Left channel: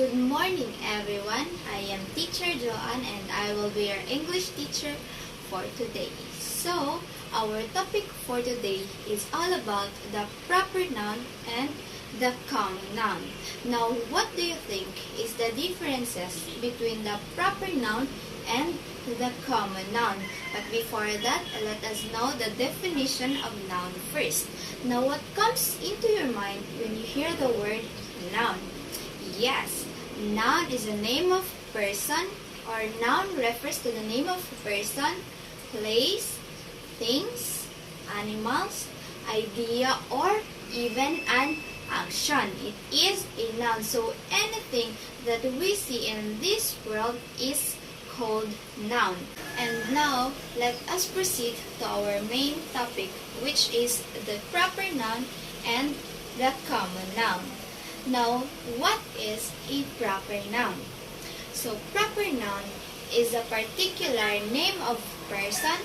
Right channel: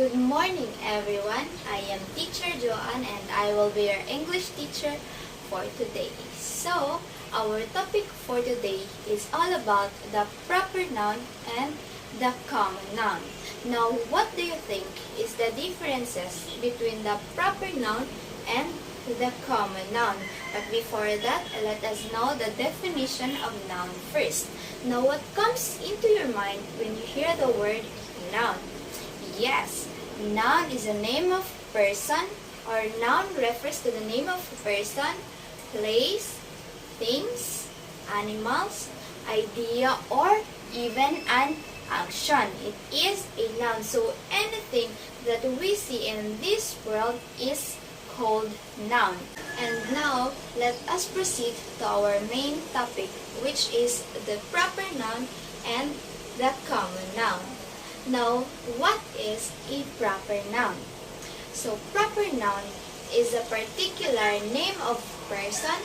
Good morning, everyone. I am Teacher Joanne and I will be your English teacher for today. So, our topic for today is all about the proper noun and the common noun. Now, what do you think is the differences between the proper noun and the common noun? But before that, let us know the definition of noun first. Now, what comes into your mind when you hear the word noun? Yes, noun is a name of person, or noun refers to the name of person, place, things, animals, idea, or even an action. It is a noun. So anything that we see in this world is called noun. And now, let us proceed to our main topic, which is the proper noun and the common noun. Now, what is a proper noun? So, proper noun is a particular name of person,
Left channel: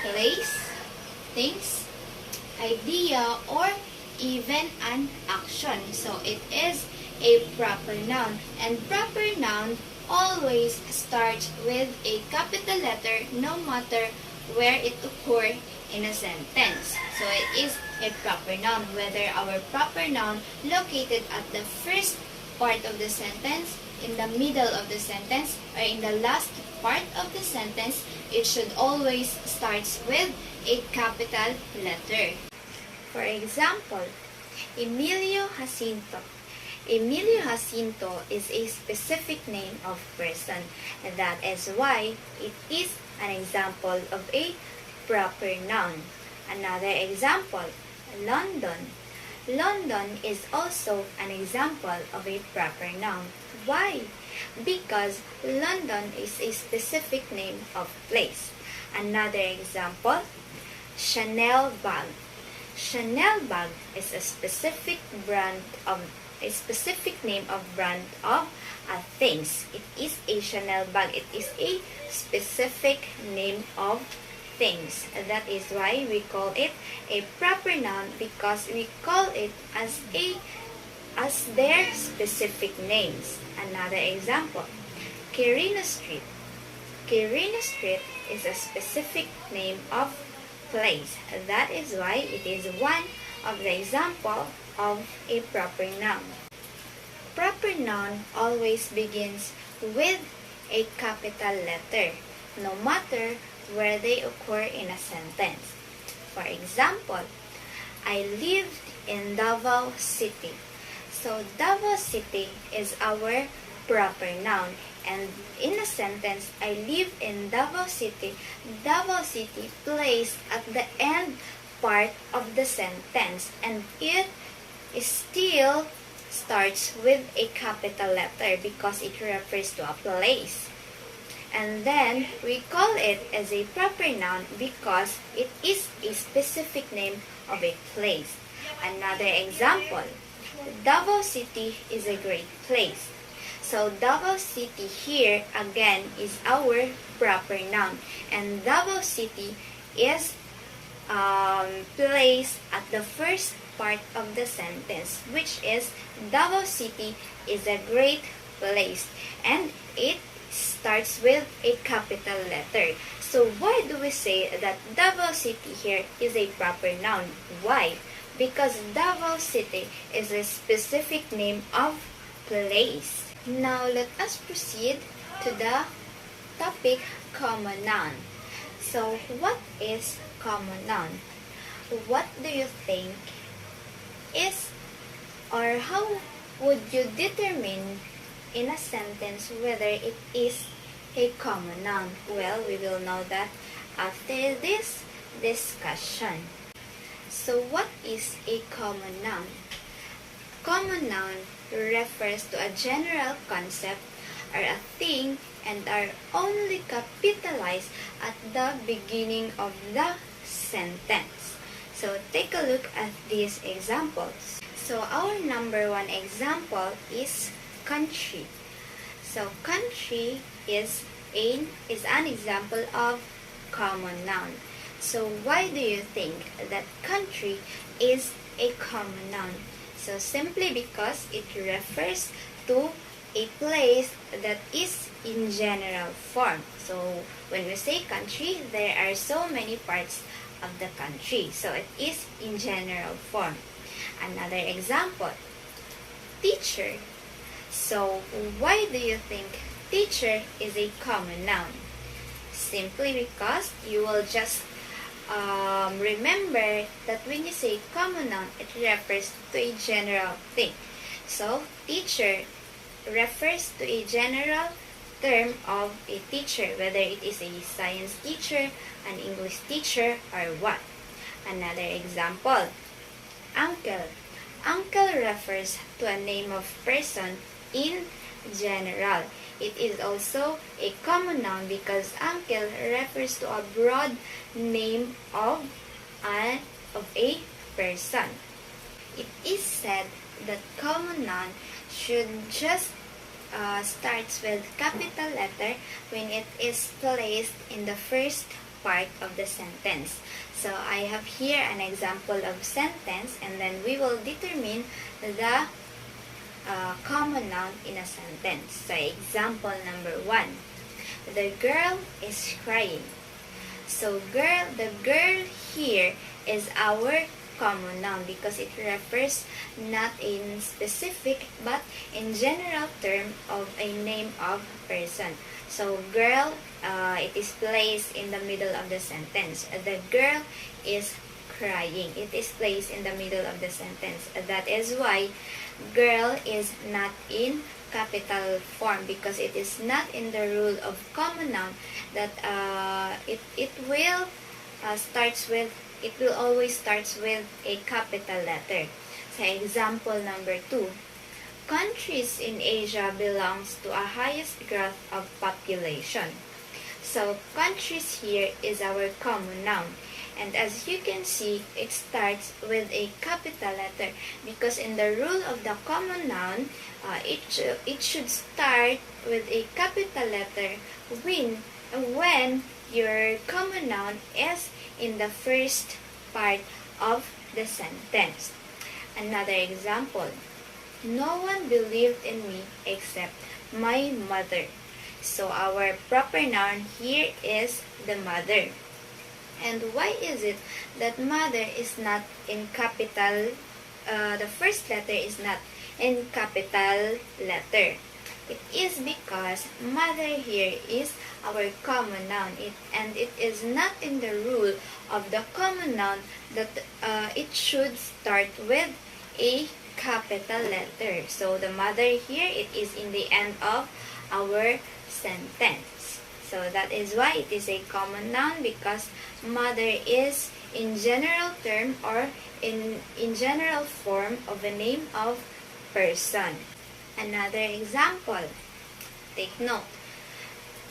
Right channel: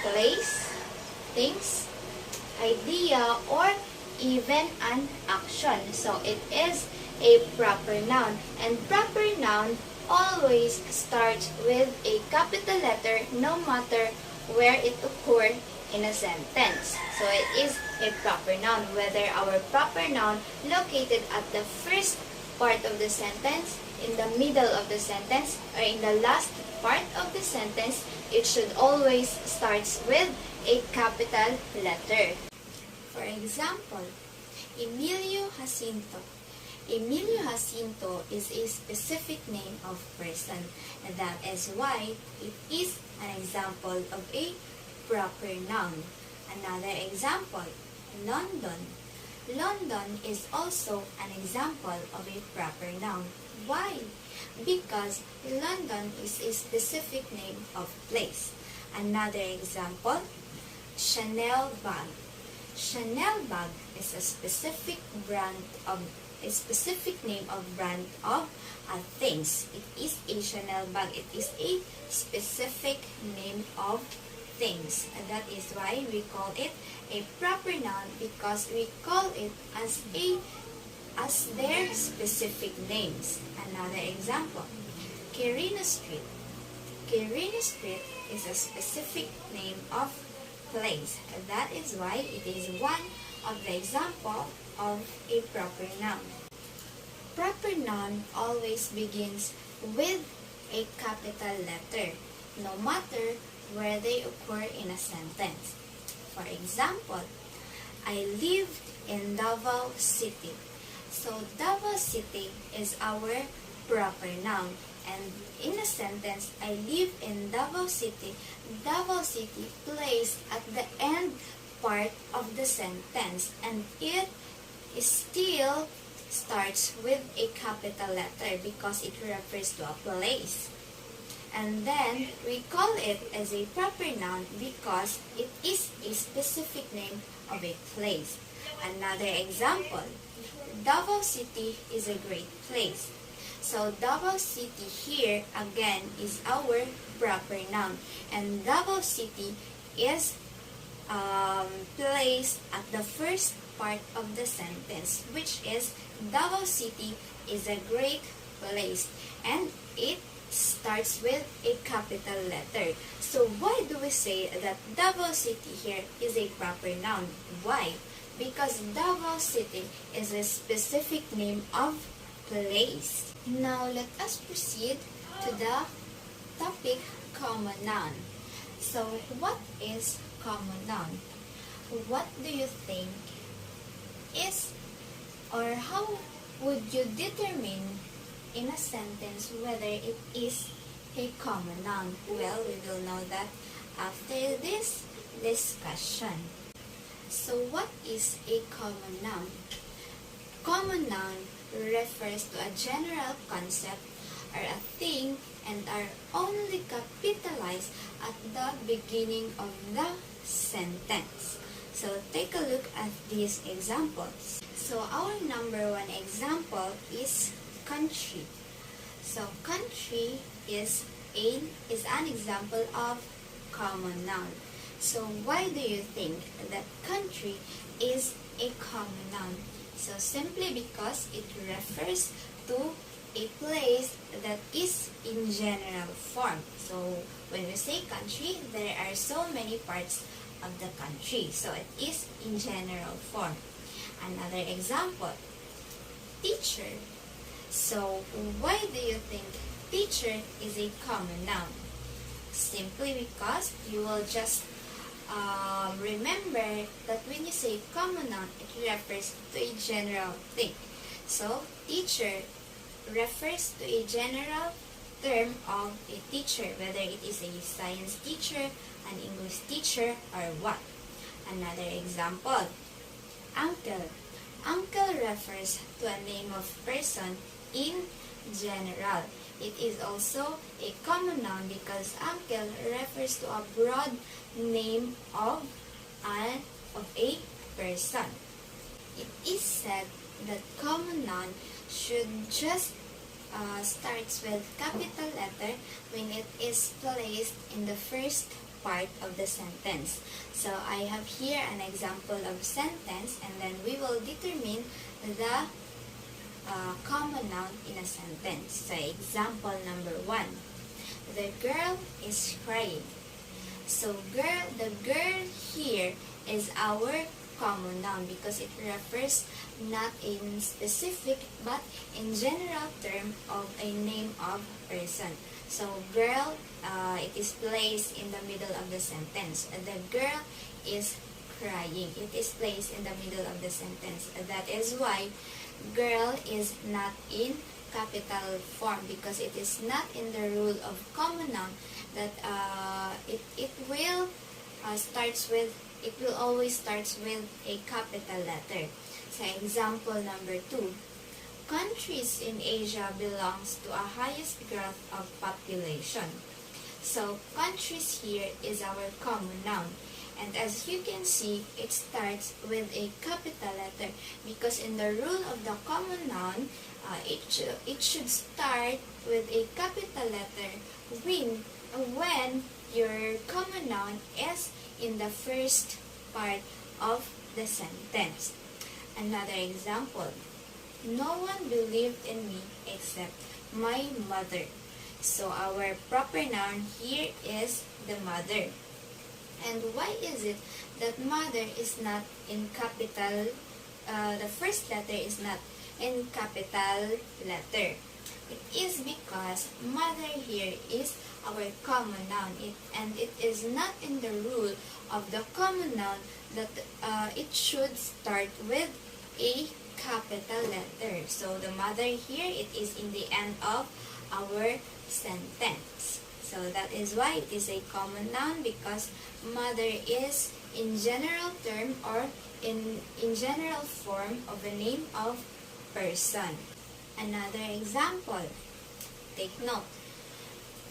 place, things, idea, or even an action. So, it is a proper noun. And proper noun always starts with a capital letter no matter where it occurs in a sentence. So it is a proper noun, whether our proper noun located at the first part of the sentence, in the middle of the sentence, or in the last part of the sentence, it should always start with a capital letter. For example, Emilio Jacinto. Emilio Jacinto is a specific name of person, and that is why it is an example of a proper noun. Another example, London. London is also an example of a proper noun. Why? Because London is a specific name of place. Another example, Chanel bag. Chanel bag is a specific name of brand of things. It is a Chanel bag. It is a specific name of things. That is why we call it a proper noun, because we call it as their specific names. Another example, Quirino Street. Quirino Street is a specific name of place. That is why it is one of the example of a proper noun. Proper noun always begins with a capital letter, no matter where they occur in a sentence. For example, I lived in Davao City. So Davao City is our proper noun. And in a sentence, I live in Davao City. Davao City placed at the end part of the sentence, and it still starts with a capital letter because it refers to a place. And then we call it as a proper noun because it is a specific name of a place. Another example, Davao City is a great place. So Davao City here again is our proper noun, and Davao City is placed at the first part of the sentence, which is Davao City is a great place, and it starts with a capital letter. So why do we say that Davao City here is a proper noun? Why? Because Davao City is a specific name of place. Now let us proceed to the topic common noun. So what is common noun? What do you think is, or how would you determine in a sentence whether it is a common noun? Well, we will know that after this discussion. So what is a common noun? Common noun refers to a general concept or a thing and are only capitalized at the beginning of the sentence. So take a look at these examples. So our number one example is country. So country is an example of common noun. So why do you think that country is a common noun? So simply because it refers to a place that is in general form. So when we say country, there are so many parts of the country. So it is in general form. Another example, teacher. So why do you think teacher is a common noun? Simply because you will just remember that when you say common noun, it refers to a general thing. So teacher refers to a general term of a teacher, whether it is a science teacher, an English teacher, or what. Another example, uncle. Uncle refers to a name of person in general. It is also a common noun because uncle refers to a broad name of a person. It is said that common noun should just starts with capital letter when it is placed in the first part of the sentence. So I have here an example of sentence, and then we will determine the common noun in a sentence. So example number 1, the girl is crying. So the girl here is our common noun because it refers not in specific but in general term of a name of person. So girl, it is placed in the middle of the sentence. The girl is crying. It is placed in the middle of the sentence. That is why girl is not in capital form, because it is not in the rule of common noun that it will always starts with a capital letter. So example number 2, countries in Asia belongs to a highest growth of population. So countries here is our common noun. And as you can see, it starts with a capital letter because in the rule of the common noun, it should start with a capital letter when your common noun is in the first part of the sentence. Another example, no one believed in me except my mother. So our proper noun here is the mother. And why is it that mother is not in capital, the first letter is not in capital letter? It is because mother here is our common noun, and it is not in the rule of the common noun that it should start with a capital letter. So the mother here, it is in the end of our sentence. So that is why it is a common noun, because mother is in general term or in general form of a name of person. Another example, take note.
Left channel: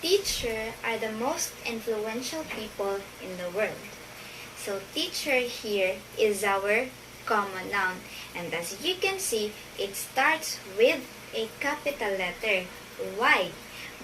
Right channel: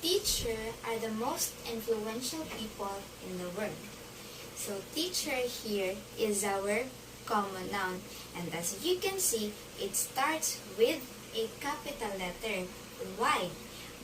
Teacher are the most influential people in the world. So teacher here is our common noun, and as you can see, it starts with a capital letter. Why?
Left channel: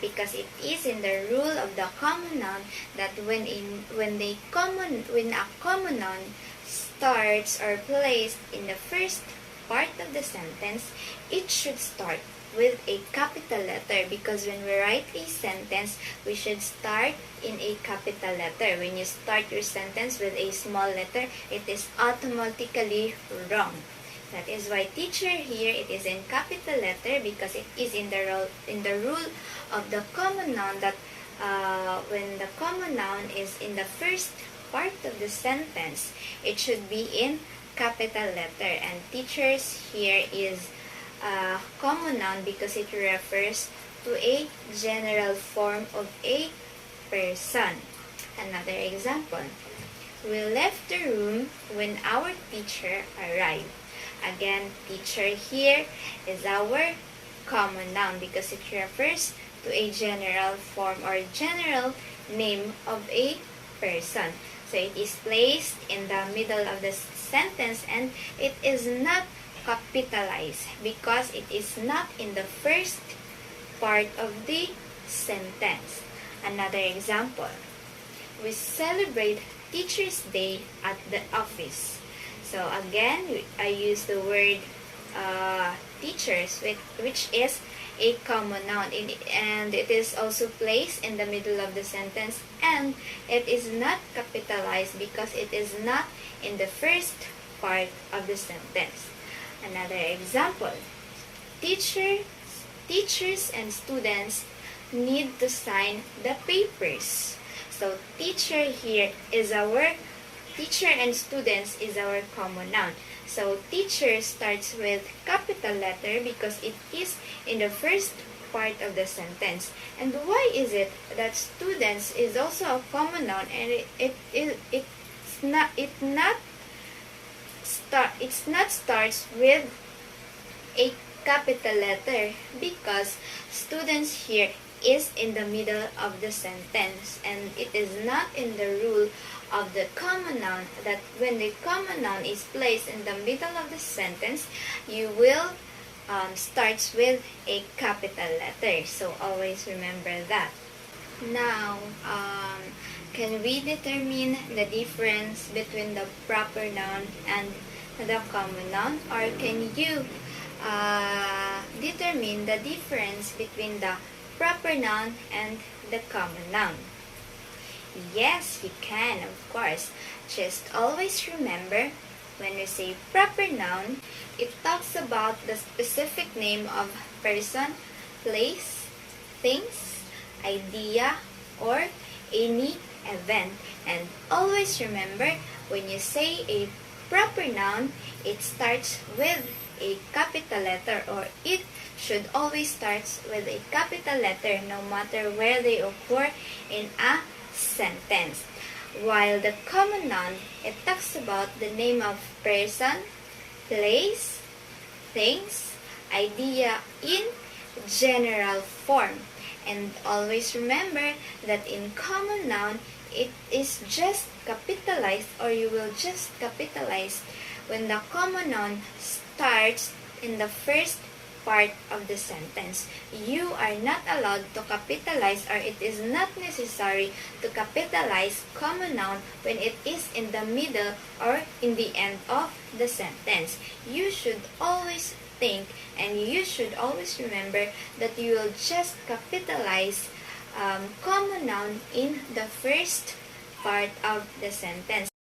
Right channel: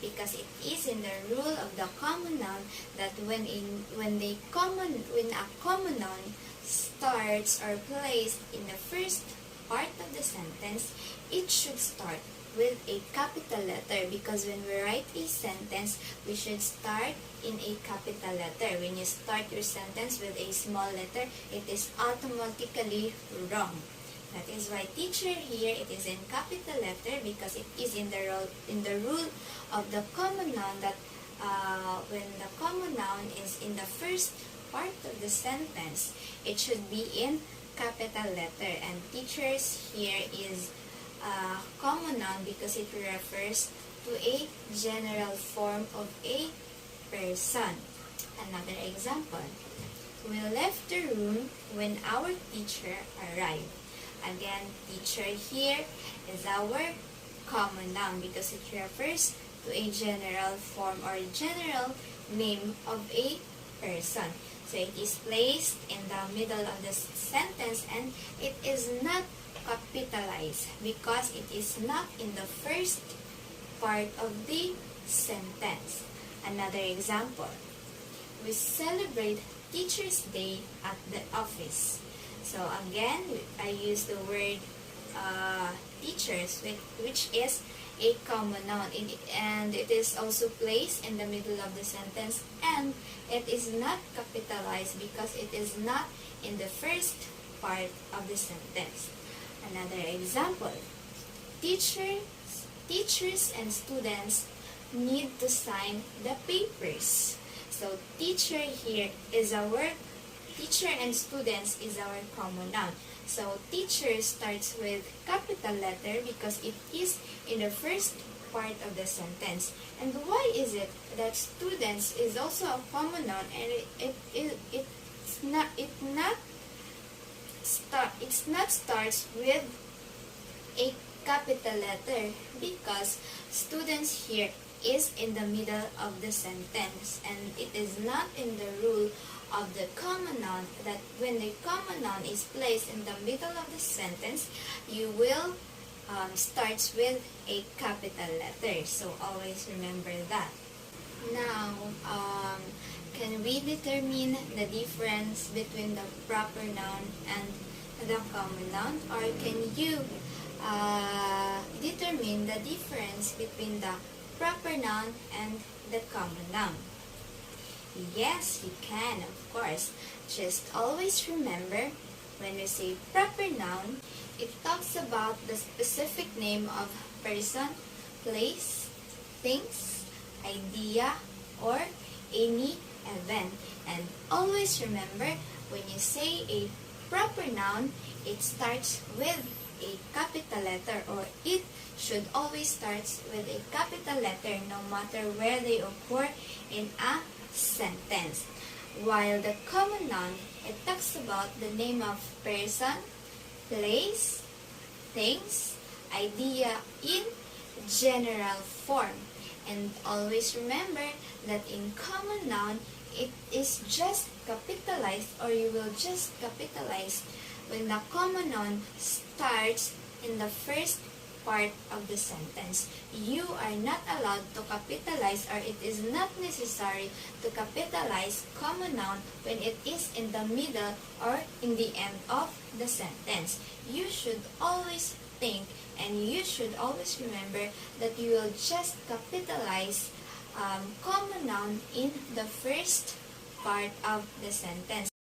Because it is in the rule of the common noun that when a common noun starts or placed in the first part of the sentence, it should start with a capital letter, because when we write a sentence, we should start in a capital letter. When you start your sentence with a small letter, it is automatically wrong. That is why teacher here, it is in capital letter, because it is in the rule of the common noun that when the common noun is in the first part of the sentence, it should be in capital letter. And teachers here is common noun because it refers to a general form of a person. Another example, we left the room when our teacher arrived. Again, teacher here is our common noun because it refers to a general form or general name of a person. So it is placed in the middle of the sentence, and it is not capitalized because it is not in the first part of the sentence. Another example, we celebrate Teachers' Day at the office. So again, I use the word teachers, which is a common noun, and it is also placed in the middle of the sentence, and it is not capitalized because it is not in the first part of the sentence. Another example, teachers and students need to sign the papers. So teacher and students is our common noun. So teacher starts with capital letter because it is in the first part of the sentence. And why is it that students is also a common noun, and it's not starts with a capital letter? Because students here is in the middle of the sentence, and it is not in the rule of the common noun that when the common noun is placed in the middle of the sentence, you will starts with a capital letter. So always remember that. Now, can we determine the difference between the proper noun and the common noun, or can you determine the difference between the proper noun and the common noun? Yes, you can, of course. Just always remember, when we say proper noun, it talks about the specific name of person, place, things, idea, or any event. And always remember, when you say a proper noun, it starts with a capital letter, or it should always start with a capital letter no matter where they occur in a sentence. While the common noun, it talks about the name of person, place, things, idea in general form. And always remember that in common noun, it is just capitalized, or you will just capitalize when the common noun starts in the first part of the sentence. You are not allowed to capitalize, or it is not necessary to capitalize common noun when it is in the middle or in the end of the sentence. You should always think, and you should always remember that you will just capitalize common noun in the first part of the sentence.